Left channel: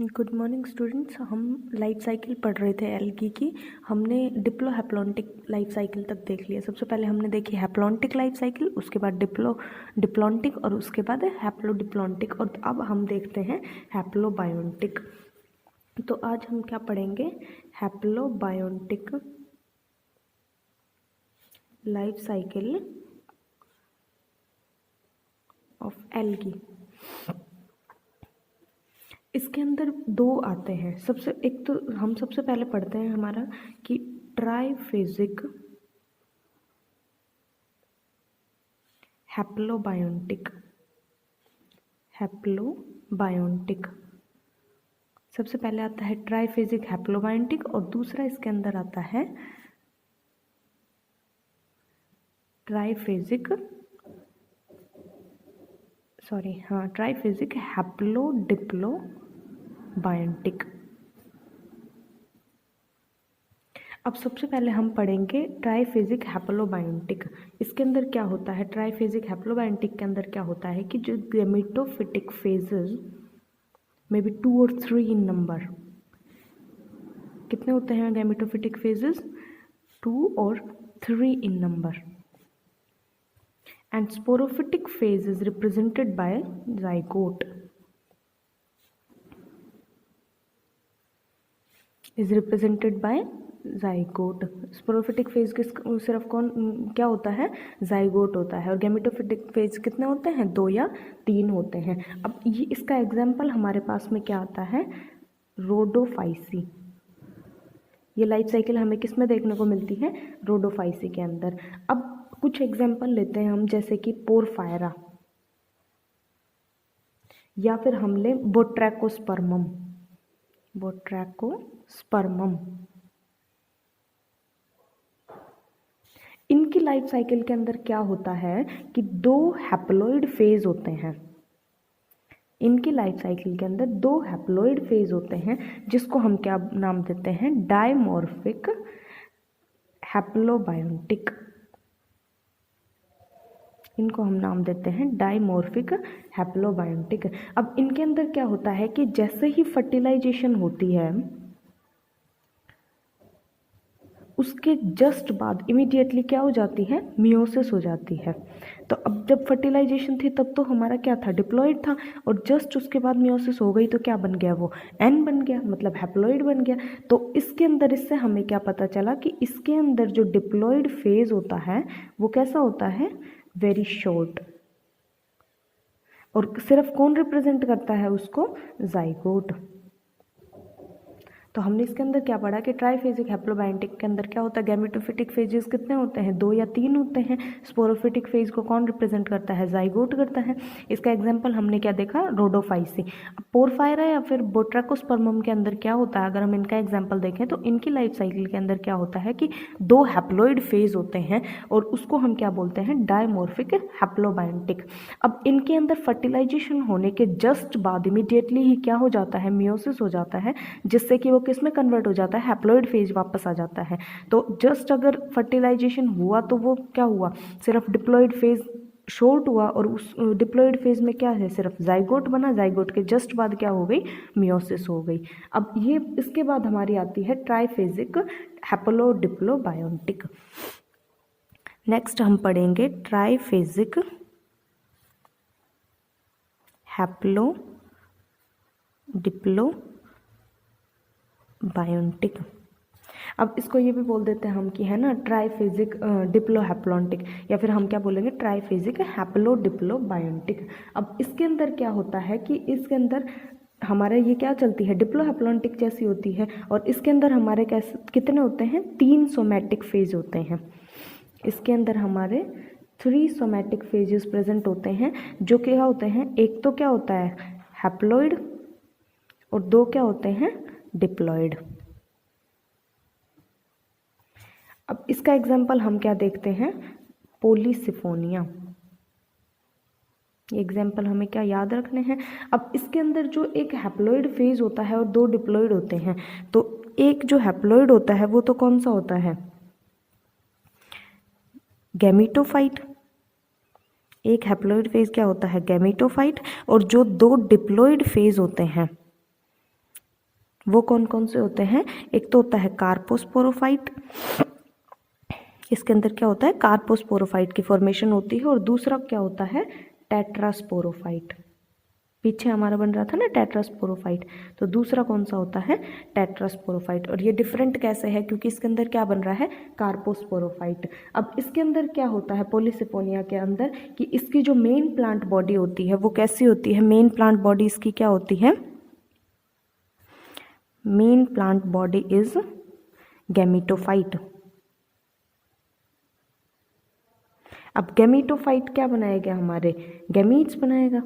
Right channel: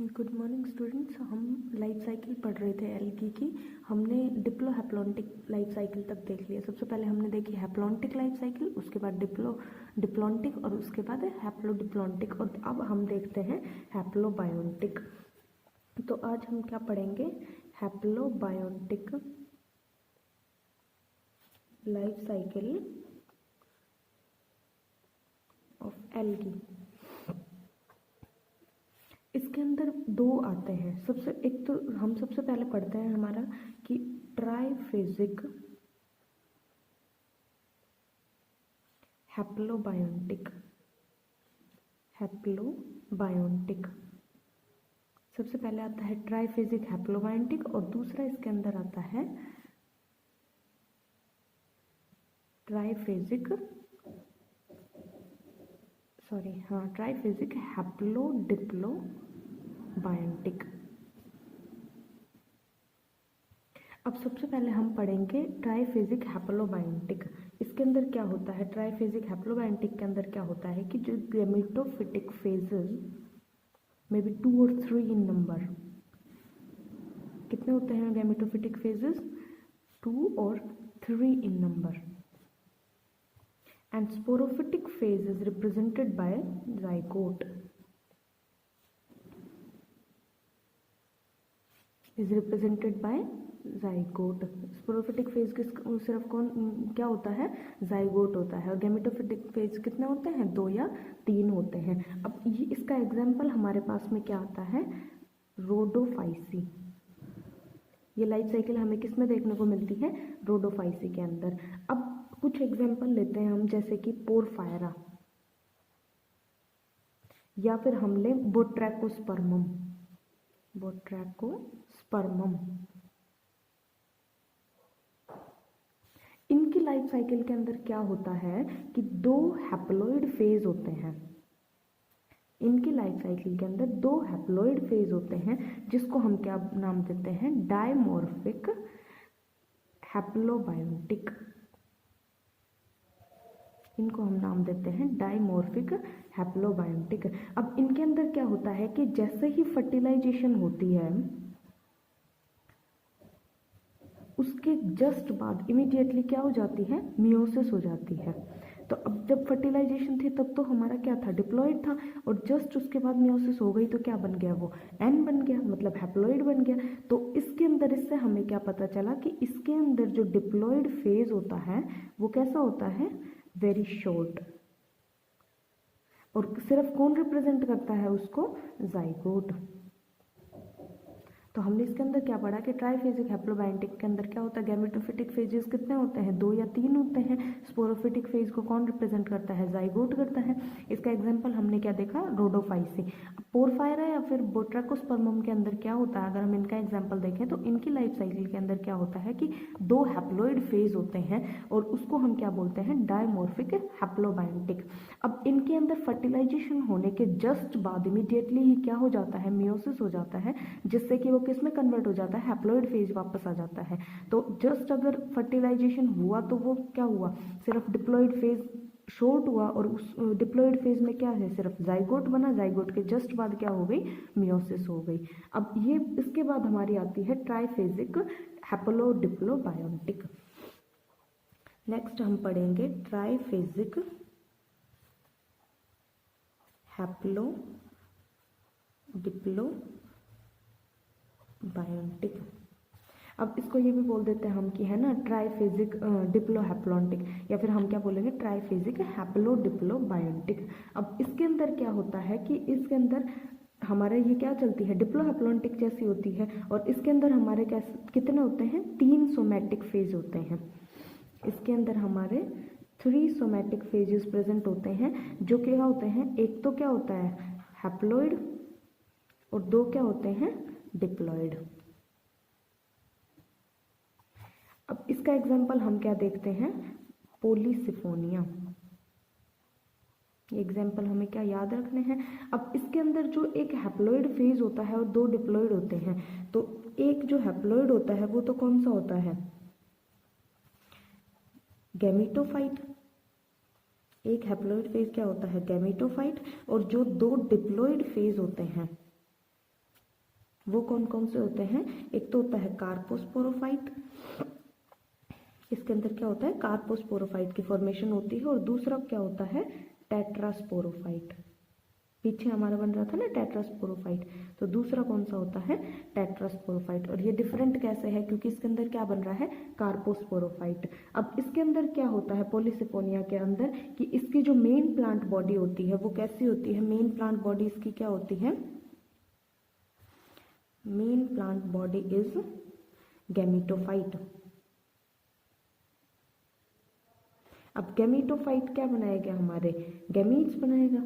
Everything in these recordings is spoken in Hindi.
Good morning students. हम लाइफ साइकिल पढ़ रहे थे एल्गी की। हमने डिप्लोहैप्लॉन्टिक लाइफ साइकिल तक देख लिया। सबसे पहले हमने देखी हैप्लॉन्टिक लाइफ साइकिल, उसके बाद डिप्लॉन्टिक और उसके बाद हैप्लोडिप्लॉन्टिक, और अब हम देखते हैं हैप्लोबायोन्टिक। तो आज हम क्या पढ़ेंगे? हैप्लोबायोन्टिक लाइफ साइकिल ऑफ एल्गी। इसके अंदर दो आते हैं। एक तो हम सबसे पहले पढ़ते हैं हमारा कि ट्राइफेजिक हैप्लोबायोन्टिक सबसे पहले आता है ट्राइफेजिक हैप्लोबायोन्टिक, और दूसरा इसके अंदर आता है ट्राइफेजिक हैप्लोडिप्लोबायोन्टिक। अब सबसे पहले हम पढ़ेंगे ट्राइफेजिक हैप्लोबायोन्टिक। इसके अंदर क्या होता है? ट्राइफेजिक हैप्लोबायोन्टिक के अंदर क्या होता है कि जो गैमेटोफिटिक फेजेस मे बी 2 और 3 इन नंबर। कितने होते हैं गैमेटोफिटिक फेजेस? 2 और 3 in number. And sporophytic phase is represented by zygote. Sporophytic phase सिर्फ क्या होता है? जाइगोट होता है। और गैमेटोफिटिक फेज कितने होते हैं? 2 या 3 होते हैं। अब ये इसका एग्जाम्पल हमारे पास में क्या आता है? रोडोफाइसी। ये लाइफ साइकिल हमें किस में देखने को मिलती है? रोडोफाइसी के अंदर। अब कुछ एग्जाम्पल लेते हैं हम, जैसे कि पोरफायरा, या फिर हम ले बोट्रैकोस्पर्मम। इनकी लाइफ साइकिल के अंदर क्या होता है कि 2 हैप्लॉइड फेज होते हैं। इनकी लाइफ साइकिल के अंदर 2 हैप्लॉइड फेज होते हैं, जिसको हम क्या नाम देते हैं? डायमॉर्फिक हैप्लोबायोन्टिक। इनको हम नाम देते हैं डायमॉर्फिक हैप्लोबायोन्टिक। अब इनके अंदर क्या होता है कि जैसे ही फर्टिलाइजेशन होती है, उसके जस्ट बाद इमीडिएटली क्या हो जाती है? मियोसिस हो जाती है। तो अब जब फर्टिलाइजेशन थी तब तो हमारा क्या था? डिप्लॉइड था, और जस्ट उसके बाद मियोसिस हो गई तो क्या बन गया? वो एन बन गया, मतलब हैप्लॉइड बन गया। तो इसके अंदर इससे हमें क्या पता चला कि इसके अंदर जो डिप्लॉइड फेज होता है वो कैसा होता है? Very short. और सिर्फ कौन रिप्रेजेंट करता है उसको? जाइगोट। तो हमने इसके अंदर क्या पढ़ा कि ट्राइफेजिक हैप्लोबायोन्टिक के अंदर क्या होता है? गैमेटोफिटिक फेजेस कितने होते हैं? 2 या 3 होते हैं। स्पोरोफिटिक फेज को कौन रिप्रेजेंट करता है? जाइगोट करता है। इसका एग्जांपल हमने क्या देखा? रोडोफाइसी। पोरफायरा या फिर बोट्रैकोस्पर्मम के अंदर क्या होता है? अगर हम इनका एग्जाम्पल देखें तो इनकी लाइफ साइकिल के अंदर क्या होता है कि 2 हैप्लॉइड फेज होते हैं, और उसको हम क्या बोलते हैं? डायमॉर्फिक हैप्लोबायोन्टिक। अब इनके अंदर फर्टिलाइजेशन होने के जस्ट बाद इमीडिएटली ही क्या हो जाता है? मियोसिस हो जाता है, जिससे कि किस में कन्वर्ट हो जाता है? हैप्लॉइड फेज वापस आ जाता है। तो जस्ट अगर फर्टिलाइजेशन हुआ तो वो क्या हुआ? सिर्फ डिप्लॉइड फेज शॉर्ट हुआ, और उस डिप्लॉइड फेज में क्या है? सिर्फ जाइगोट बना। जाइगोट के जस्ट बाद क्या हो गई? मियोसिस हो गई। अब ये इसके बाद हमारी आती है ट्राइफेजिक हैप्लोडिप्लोबायोन्टिक। नेक्स्ट हम पढ़ेंगे ट्राइफेजिक हैप्लोडिप्लोबायोन्टिक। अब इसको ये भी बोल देते हैं हम कि है ना ट्राइफेजिक डिप्लोहैप्लॉन्टिक, या फिर हम क्या बोलेंगे? ट्राइफेजिक हैप्लोडिप्लोबायोन्टिक। अब इसके अंदर क्या होता है कि इसके अंदर हमारे ये क्या चलती है? डिप्लोहैप्लॉन्टिक जैसी होती है, और इसके अंदर हमारे कैसे कितने होते हैं? 3 सोमैटिक फेज होते हैं। इसके अंदर हमारे 3 सोमैटिक फेजेस प्रेजेंट होते हैं, जो क्या होते हैं? एक तो क्या होता है? हैप्लॉइड, और 2 क्या होते हैं? डिप्लॉइड। अब इसका एग्जाम्पल हम क्या देखते हैं? पोलीसिफोनिया। ये एग्जाम्पल हमें क्या याद रखने हैं? अब इसके अंदर जो एक हैप्लॉइड फेज होता है और 2 डिप्लॉइड होते हैं, तो एक जो हैप्लॉइड होता है वो तो कौन सा होता है? गैमेटोफाइट। एक हैप्लॉइड फेज क्या होता है? गैमेटोफाइट। और जो 2 डिप्लॉइड फेज होते हैं वो कौन कौन से होते हैं? एक तो होता है कार्पोस्पोरोफाइट, इसके अंदर क्या होता है, कार्पोस्पोरोफाइट की फॉर्मेशन होती है। और दूसरा क्या होता है, टेट्रास्पोरोफाइट। पीछे हमारा बन रहा था ना टेट्रास्पोरोफाइट, तो दूसरा कौन सा होता है, टेट्रास्पोरोफाइट। और ये डिफरेंट कैसे है, क्योंकि इसके अंदर क्या बन रहा है, कार्पोस्पोरोफाइट। अब इसके अंदर क्या होता है पॉलीसिफोनिया के अंदर, कि इसकी जो मेन प्लांट बॉडी होती है वो कैसी होती है, मेन प्लांट बॉडी इसकी क्या होती है, main plant body is gametophyte. अब गैमेटोफाइट क्या बनाएगा, हमारे गैमीट्स बनाएगा।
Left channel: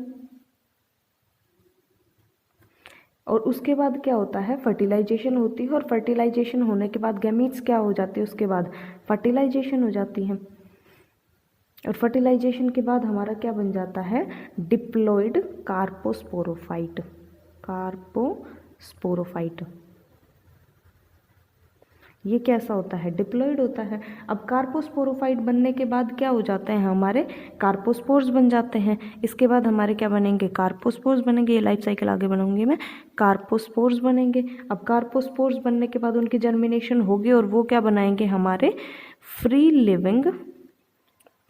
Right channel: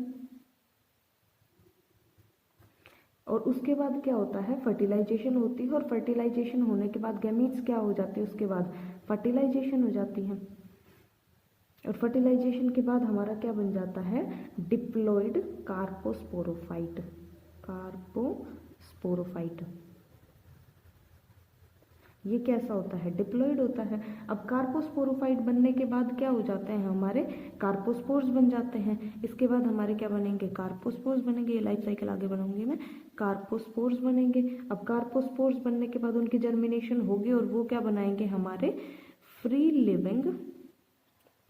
और उसके बाद क्या होता है, फर्टिलाइजेशन होती है, और फर्टिलाइजेशन होने के बाद गैमीट्स क्या हो जाती है, उसके बाद फर्टिलाइजेशन हो जाती है। और फर्टिलाइजेशन के बाद हमारा क्या बन जाता है, डिप्लॉइड कार्पोस्पोरोफाइट। कार्पोस्पोरोफाइट ये कैसा होता है, डिप्लॉइड होता है। अब कार्पोस्पोरोफाइट बनने के बाद क्या हो जाते हैं, हमारे कार्पोस्पोर्स बन जाते हैं। इसके बाद हमारे क्या बनेंगे, कार्पोस्पोर्स बनेंगे। ये लाइफ साइकिल आगे बनाऊंगी मैं, कार्पोस्पोर्स बनेंगे। अब कार्पोस्पोर्स बनने के बाद उनकी जर्मिनेशन होगी और वो क्या बनाएंगे, हमारे फ्री लिविंग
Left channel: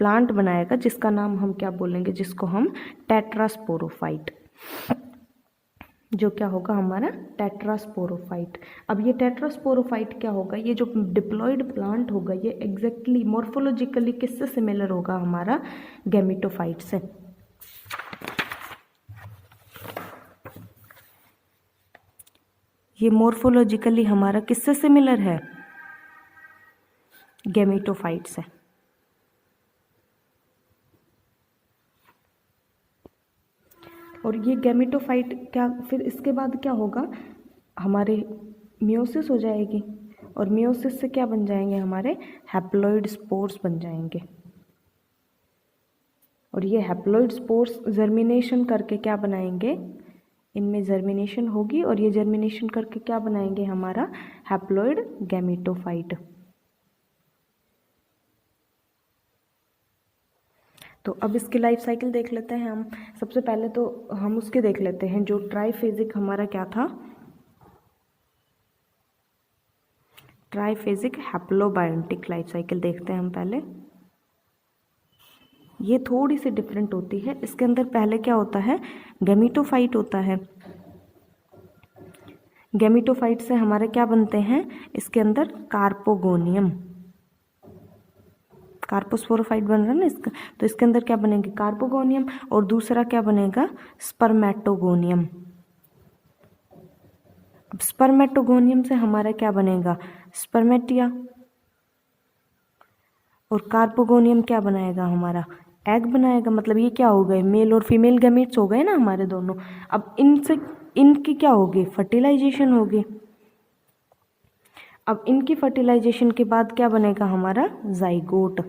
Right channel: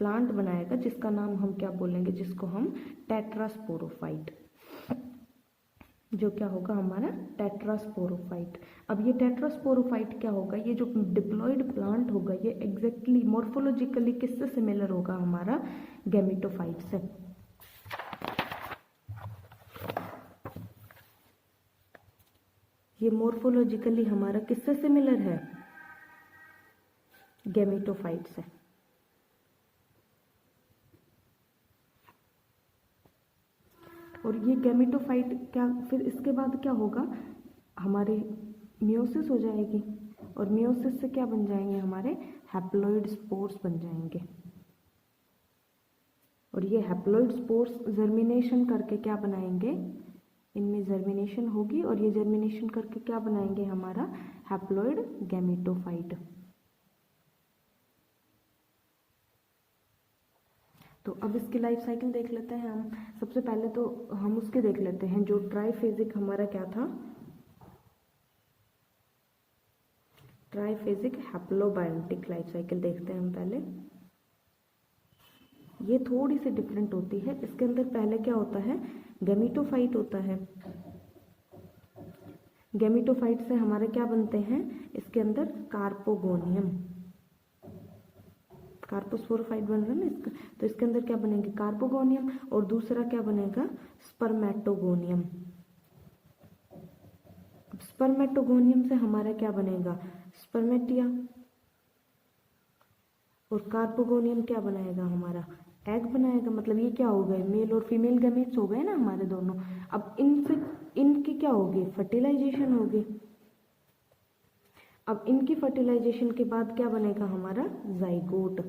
प्लांट बनाएगा, जिसका नाम हम क्या बोलेंगे, जिसको हम टेट्रास्पोरोफाइट, जो क्या होगा हमारा टेट्रास्पोरोफाइट। अब ये टेट्रास्पोरोफाइट क्या होगा, ये जो डिप्लॉइड प्लांट होगा ये एग्जैक्टली मॉर्फोलॉजिकली किससे सिमिलर होगा, हमारा गैमेटोफाइट से। ये मॉर्फोलॉजिकली हमारा किससे सिमिलर है, गैमेटोफाइट से। और ये गैमेटोफाइट क्या, फिर इसके बाद क्या होगा, हमारे मियोसिस हो जाएगी, और मियोसिस से क्या बन जाएंगे, हमारे हैप्लॉइड स्पोर्स बन जाएंगे। और ये हैप्लॉइड स्पोर्स जर्मिनेशन करके क्या बनाएंगे, इनमें जर्मिनेशन होगी, और ये जर्मिनेशन करके क्या बनाएंगे, हमारा हैप्लॉइड गैमेटोफाइट। तो अब इसकी लाइफ साइकिल देख लेते हैं हम। सबसे पहले तो हम उसके देख लेते हैं, जो ट्राइफेजिक हमारा क्या था, ट्राइफेजिक हैप्लोबायोटिक लाइफ साइकिल देखते हैं हम पहले। ये थोड़ी सी डिफरेंट होती है। इसके अंदर पहले क्या होता है, गैमेटोफाइट होता है। गैमेटोफाइट से हमारे क्या बनते हैं, इसके अंदर कार्पोगोनियम, कार्पोस्पोरोफाइट बन रहा है ना इसका, तो इसके अंदर क्या बनेंगे, कार्पोगोनियम। और दूसरा क्या बनेगा, स्पर्मेटोगोनियम। अब स्पर्मेटोगोनियम से हमारा क्या बनेगा, स्पर्मेटिया। और कार्पोगोनियम क्या बनाएगा, हमारा एग बनाएगा। मतलब ये क्या हो गए, मेल और फीमेल गैमेट्स हो गए ना हमारे दोनों। अब इनसे इनकी क्या होगी, फर्टिलाइजेशन होगी। अब इनकी फर्टिलाइजेशन के बाद क्या बनेगा, हमारा जाइगोट।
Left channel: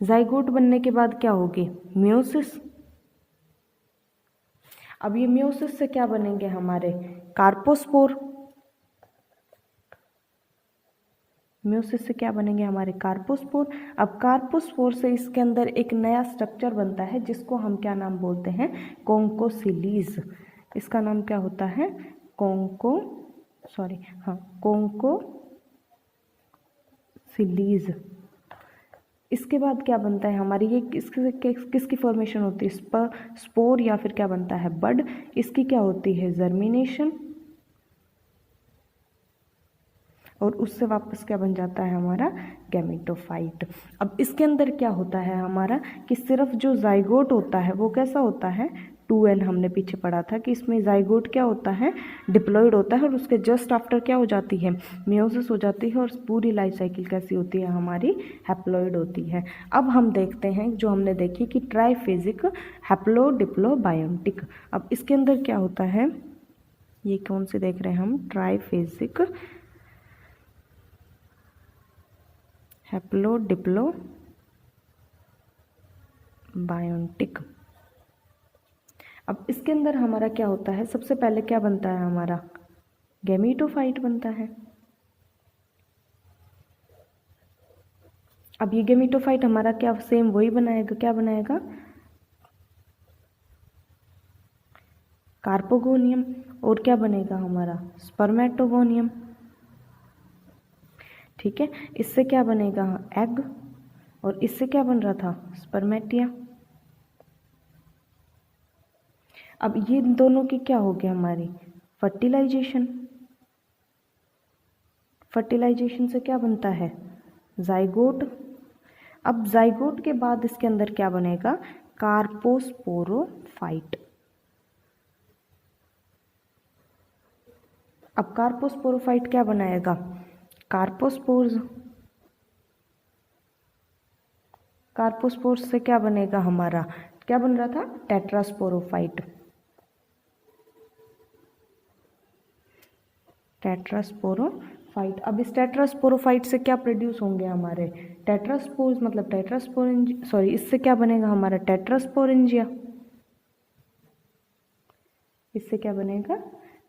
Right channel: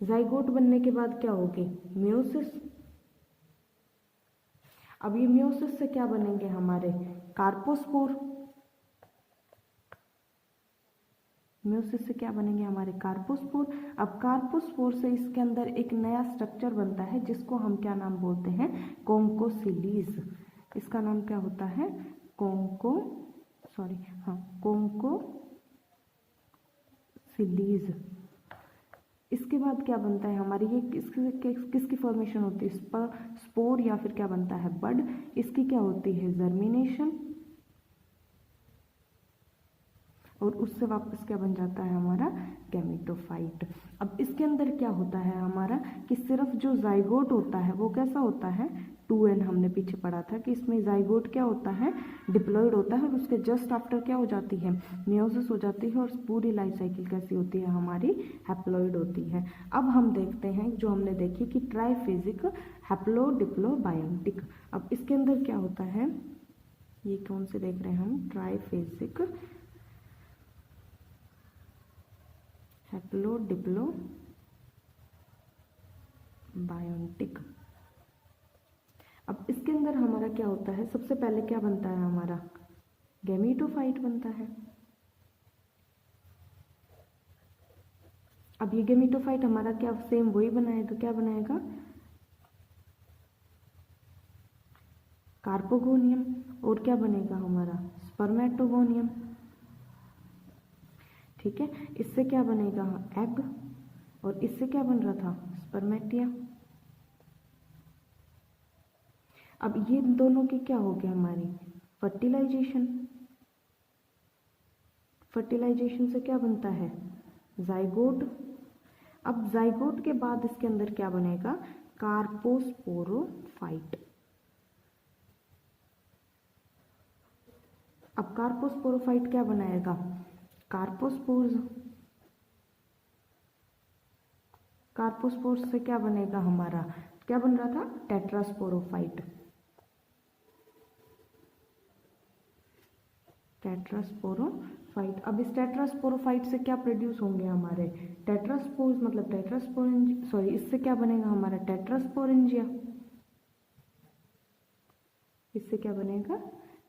जाइगोट बनने के बाद क्या होगी, मियोसिस। अब ये मियोसिस से क्या बनेंगे, हमारे कार्पोस्पोर। मियोसिस से क्या बनेंगे, हमारे कार्पोस्पोर। अब कार्पोस्पोर से इसके अंदर एक नया स्ट्रक्चर बनता है, जिसको हम क्या नाम बोलते हैं, कॉन्कोसिलीज। इसका नाम क्या होता है, कॉन्कोसिलीज। इसके बाद क्या बनता है, हमारी ये किसकी फॉर्मेशन होती है, स्पोर या फिर क्या बनता है, बड। इसकी क्या होती है, जर्मिनेशन। और उससे वापस क्या बन जाता है, हमारा गैमेटोफाइट। अब इसके अंदर क्या होता है हमारा, कि सिर्फ जो जाइगोट होता है वो कैसा होता है, 2N। हमने पीछे पढ़ा था कि इसमें जाइगोट क्या होता है, डिप्लॉइड होता है, और उसके जस्ट आफ्टर क्या हो जाती है, मियोसिस हो जाती है। और पूरी लाइफ साइकिल कैसी होती है, हमारी हैप्लॉइड होती है। अब हम देखते हैं जो हमने देखी कि ट्राइफेजिक हैप्लोडिप्लोबायोटिक। अब इसके अंदर क्या होता है, ये कौन से देख रहे हैं हम, ट्राइफेजिक हैप्लोडिप्लोबायोटिक। अब इसके अंदर हमारा क्या होता है, सबसे पहले क्या बनता है, हमारा गैमेटोफाइट बनता है। अब ये गैमेटोफाइट हमारा क्या सेम वही बनाएगा, क्या बनाएगा, कार्पोगोनियम, और क्या बनेगा हमारा स्पर्मेटोगोनियम। ठीक है, इससे क्या बनेगा एग, और इससे क्या बन रहा था स्पर्मेटिया। अब ये दोनों की क्या हो गया हमारी फर्टिलाइजेशन। फर्टिलाइजेशन से क्या बनता है जाइगोट। अब जाइगोट के बाद इसके अंदर क्या बनेगा कार्पोस्पोरोफाइट। अब कार्पोस्पोरोफाइट क्या बनाएगा कार्पोस्पोर्स। कार्पोस्पोर्स से क्या बनेगा हमारा, क्या बन रहा था टेट्रास्पोरोफाइट। टेट्रास्पोरोफाइट। अब इस टेट्रास्पोरोफाइट से क्या प्रोड्यूस होंगे हमारे टेट्रास्पोर्स, मतलब टेट्रास्पोरेंजिया, सॉरी इससे क्या बनेगा हमारा टेट्रास्पोरेंजिया। इससे क्या बनेगा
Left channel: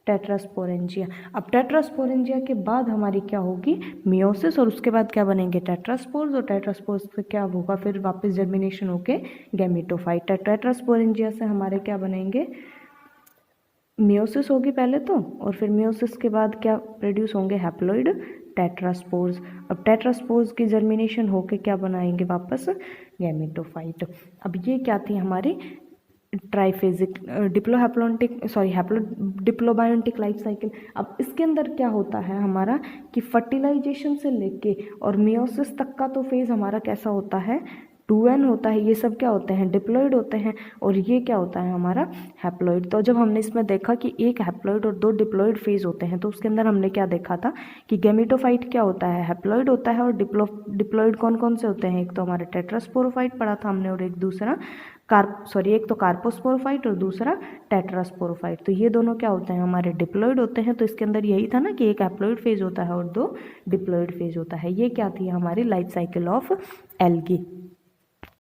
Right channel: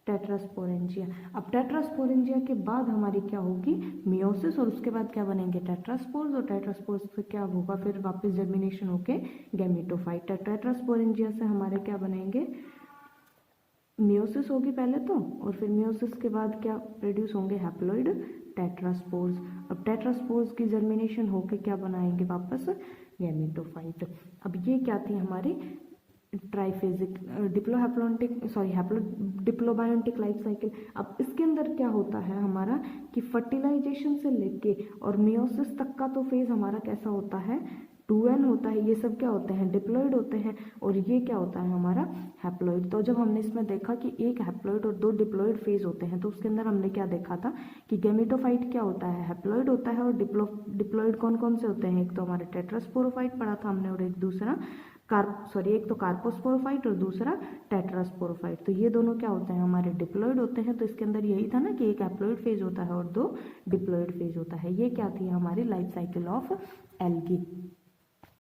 टेट्रास्पोरेंजिया। अब टेट्रास्पोरेंजिया के बाद हमारी क्या होगी मियोसिस, और उसके बाद क्या बनेंगे टेट्रास्पोर्स, और टेट्रास्पोर्स से क्या होगा फिर वापस जर्मिनेशन होके गैमेटोफाइट। टेट्रास्पोरेंजिया से हमारे क्या बनेंगे मियोसिस होगी पहले तो, और फिर मियोसिस के बाद क्या प्रोड्यूस होंगे हैप्लॉइड टेट्रास्पोर्स। अब टेट्रास्पोर्स की जर्मिनेशन होके क्या बनाएंगे वापस गैमेटोफाइट। अब ये क्या थी हमारी ट्राइफेजिक डिप्लोबायोटिक लाइफ साइकिल। अब इसके अंदर क्या होता है हमारा कि फर्टिलाइजेशन से लेके और मियोसिस तक का तो फेज हमारा कैसा होता है 2n होता है। ये सब क्या होते हैं डिप्लॉइड होते हैं, और ये क्या होता है हमारा हैप्लॉइड। तो जब हमने इसमें देखा कि एक हैप्लॉइड और 2 डिप्लॉइड फेज होते हैं, तो उसके अंदर हमने क्या देखा था कि गैमेटोफाइट क्या होता है हैप्लॉइड होता है, और डिप्लॉइड कौन कौन से होते हैं, एक तो हमारा टेट्रास्पोरोफाइट पढ़ा था हमने, और एक दूसरा एक तो कार्पोस्पोरोफाइट और दूसरा टेट्रास्पोरोफाइट। तो ये दोनों क्या होते हैं हमारे डिप्लॉइड होते हैं। तो इसके अंदर यही था ना कि एक हैप्लॉइड फेज होता है और 2 डिप्लॉइड फेज होता है। ये क्या थी हमारी लाइफ साइकिल ऑफ एल्गी।